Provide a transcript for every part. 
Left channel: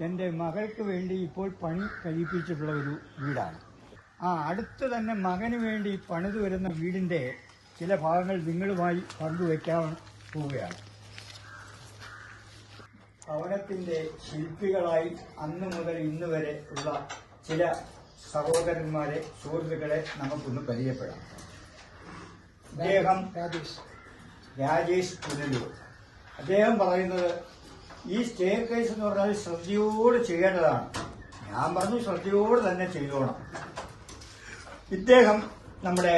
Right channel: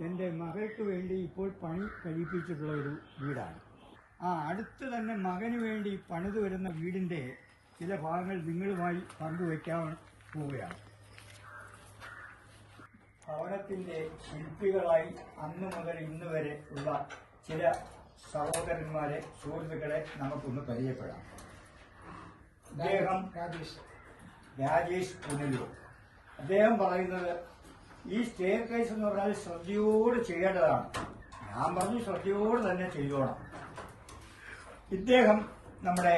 എന്റെ മകൾക്ക് വേണ്ടി ഇപ്പോൾ പണി കഴിപ്പിച്ചിട്ടുള്ള ഒരു വീടാണ്. ആ അടുത്ത് തന്നെ മകന് വേണ്ടി പണിതു വരുന്ന വീടിന്റെ ചില ഭാഗങ്ങൾ നിങ്ങളുമായി പങ്കുവയ്ക്കാൻ പോവുകയാണ്. ഭവനത്തിന്റെ ശില്പികളായി അന്ന് മുതൽ ഇന്ന് വരെ ഉള്ള ചില സഹോദരന്മാരെ സുഹൃത്തുക്കളെ നമുക്കൊന്ന് പരിചയപ്പെടാം. അദ്ദേഹം രാജേഷ്. രാജേഷ് പുനലൂർ. അദ്ദേഹം പറയുന്നത് ഈ സ്റ്റെയർ കേസ് എന്ന് പറഞ്ഞാൽ ശ്രദ്ധയോട് ചെയ്യേണ്ടതാണ്. ഞാൻ പറഞ്ഞു ശ്രദ്ധയോട് തന്നെ ചെയ്തോണം. ഇദ്ദേഹം നമ്മുടെ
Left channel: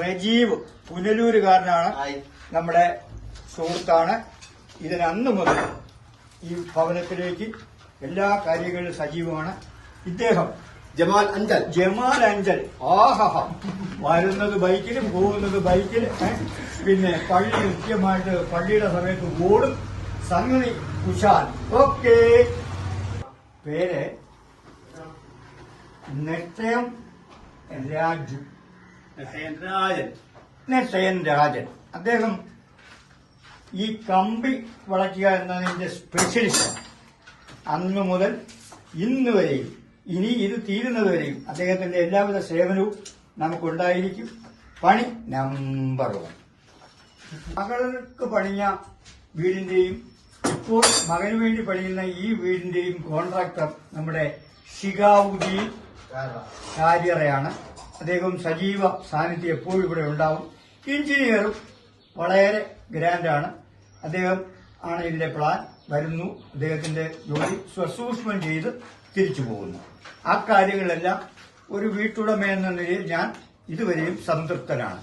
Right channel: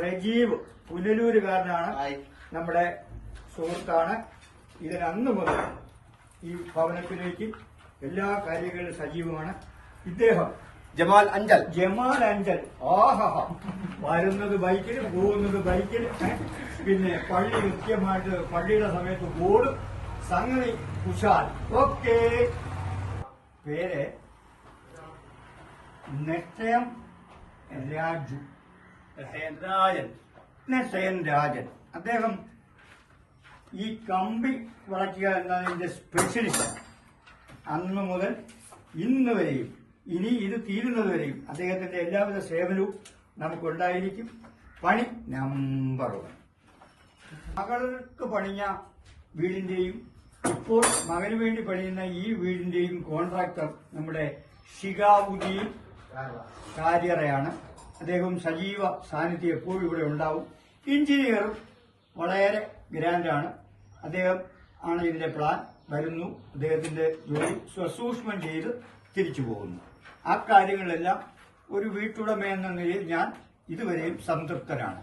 റജീവ് പുനലൂരുകാരനാണ്. നമ്മുടെ സുഹൃത്താണ്. ഇതിനന്ന് മുതൽ ഈ ഭവനത്തിലേക്ക് എല്ലാ കാര്യങ്ങളിലും സജീവമാണ്. ഇദ്ദേഹം ജമാൽ അഞ്ചൽ. ജമാൽ അഞ്ചൽ. ആഹാ വരുന്നത് ബൈക്കിലും പോകുന്നത് ബൈക്കിലും. പിന്നെ പള്ളി കൃത്യമായിട്ട് പള്ളിയുടെ സമയത്ത് ഓടും. സംഗതി കുശാൽ. ഓക്കെ. പേര് നിശ്ചയം രാജു രാജൻ. നിശ്ചയൻ രാജൻ. അദ്ദേഹം ഈ കമ്പി വളയ്ക്കുക എന്നതിന്റെ സ്പെഷ്യലിസ്റ്റ് അന്നു മുതൽ ഇന്ന് വരെയും ഇനി ഇത് തീരുന്നതുവരെയും അദ്ദേഹത്തിന്റെ എല്ലാവിധ സേവനവും നമുക്കുണ്ടായിരിക്കും. പണി നമ്പർ വൺ മകൾക്ക് പണിഞ്ഞ വീടിന്റെയും ഇപ്പോൾ മകന് വേണ്ടി പണിയുന്ന ഈ വീടിന്റെയും കോൺട്രാക്ടർ നമ്മുടെ ഷിഗാവുദി കാര്യറയാണ്. അദ്ദേഹം സജീവ സാന്നിധ്യം എപ്പോഴും ഇവിടെ ഉണ്ടാവും. എഞ്ചിനീയറും വളരെ ഗ്രാൻഡാണ് അദ്ദേഹം ആണ് ഇതിന്റെ പ്ലാൻ വരുന്നു. അദ്ദേഹത്തിന്റെ ജോലി സ്വസൂക്ഷ്മം ചെയ്ത് തിരിച്ചു പോകുന്നു. ആ കാര്യങ്ങളെല്ലാം ഒരു വീട്ടുടമ എന്ന നിലയിൽ ഞാൻ ഇതുവരെയും സംതൃപ്തനാണ്.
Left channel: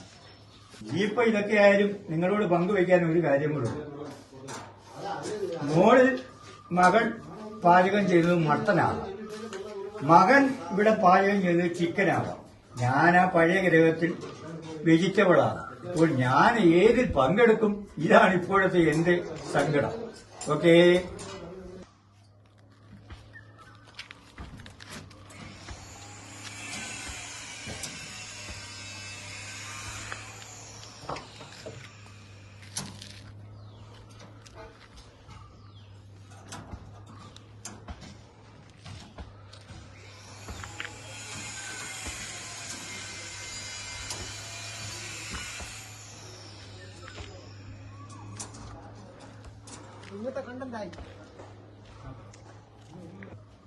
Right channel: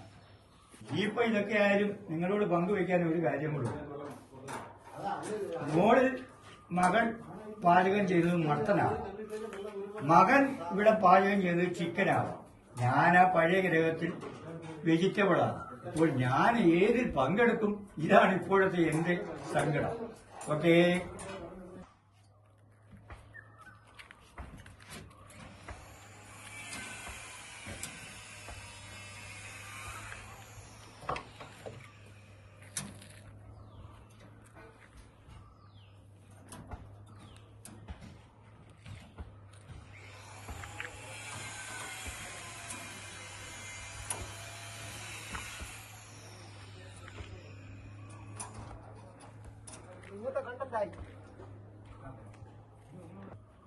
ഇനിയിപ്പോ ഇതൊക്കെ ആയാലും നിങ്ങളോട് പങ്കുവയ്ക്കാൻ ഒരു കാര്യം കൂടെ മോളിൽ മകൻ പാചകം ചെയ്തത് മട്ടനാകാം മകൻ ഇവിടെ പാചകം ചെയ്തത് ചിക്കനാവാം. ഞാൻ ആ പഴയ ഗ്രഹത്തിൽ വെജിറ്റബിളാണ് അപ്പോൾ ഞാൻ ഏതിൽ പങ്കെടുക്കും? ഇതാണ് ഇപ്പോഴത്തെ എന്റെ സങ്കടം. ഓക്കേ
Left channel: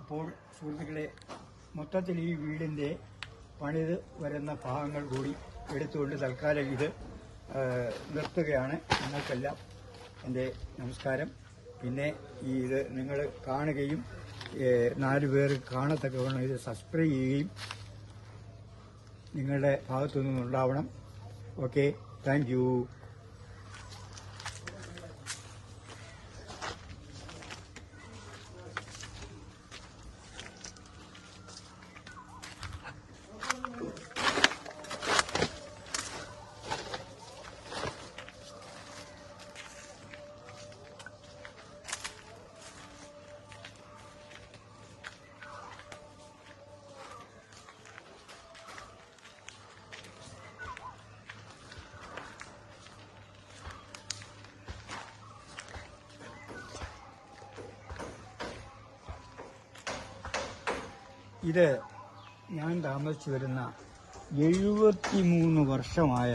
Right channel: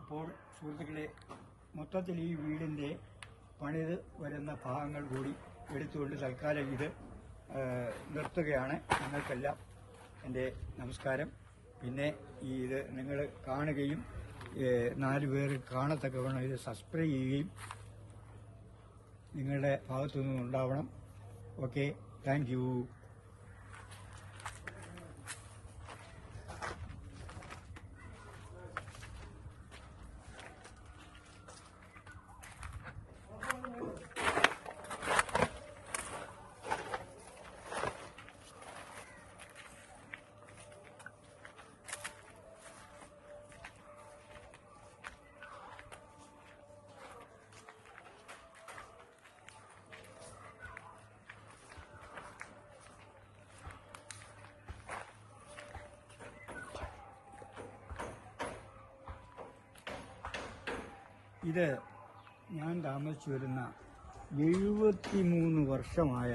അപ്പോൾ സുഹൃത്തുക്കളെ മൊത്തത്തിൽ ഈ വീടിന്റെ പണിത് വരുന്ന ഭാഗങ്ങൾ കൂടി എടുത്തുകൊണ്ട് തൽക്കാലം ഇത് നിർത്തുകയാണ്. നിങ്ങൾക്കെല്ലാം എന്റെ നമസ്കാരം. പിന്നെ ഈ ഇത് നിങ്ങൾ കാണുകയും നാല് പേര് കാണത്തക്കവണ്ണം ഇത് സബ്സ്ക്രൈബ് ചെയ്യുകയും നിങ്ങളുടെ ഭാഗത്തു നിന്നുണ്ടാവണം ഓക്കെ താങ്ക് ഇത് ഞാൻ താമസിച്ചു വരുന്ന എഴുപത്തി മൂന്ന് വർഷമായ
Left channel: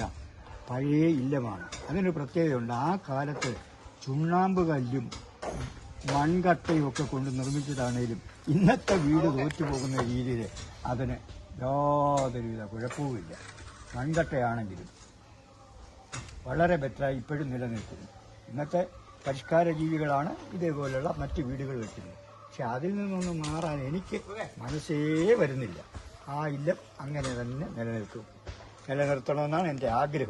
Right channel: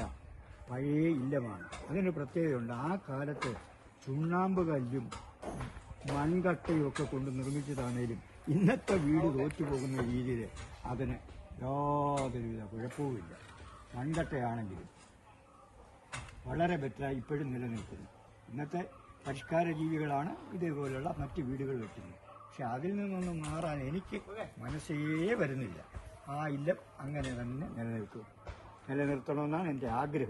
പഴയ ഇല്ലമാണ്. അതിനൊരു പ്രത്യേകതയുണ്ട്. ആ കാലത്ത് ചുണ്ണാമ്പ് കല്ലും മൺകട്ടയും ഒക്കെ കൊണ്ട് നിർമ്മിച്ചതാണേലും ഇന്നത്തെ വീട് തോറ്റുപോകുന്ന രീതിയിൽ അതിന് യാതൊരുവിധ കുഴപ്പവുമില്ല. മൺകട്ടയാണെങ്കിലും വളരെ ബെറ്ററായി ഇപ്പോഴും നിലനിൽക്കുന്നു. ഇന്നത്തെ പരിഷ്കാര ജീവികളാണ് ഇതേപോലെയുള്ള മറ്റ് വീടുകൾ വെക്കുന്നത്. പക്ഷെ അതിൽ നിന്നൊന്നും മാറാൻ എനിക്ക് മനസ്സേ വരുന്നില്ല. ആ ഇല്ലം അങ്ങനെ തന്നെ നിലനിൽക്കും. നിലനിർത്തണമെന്നാണ് എന്റെ ആഗ്രഹം.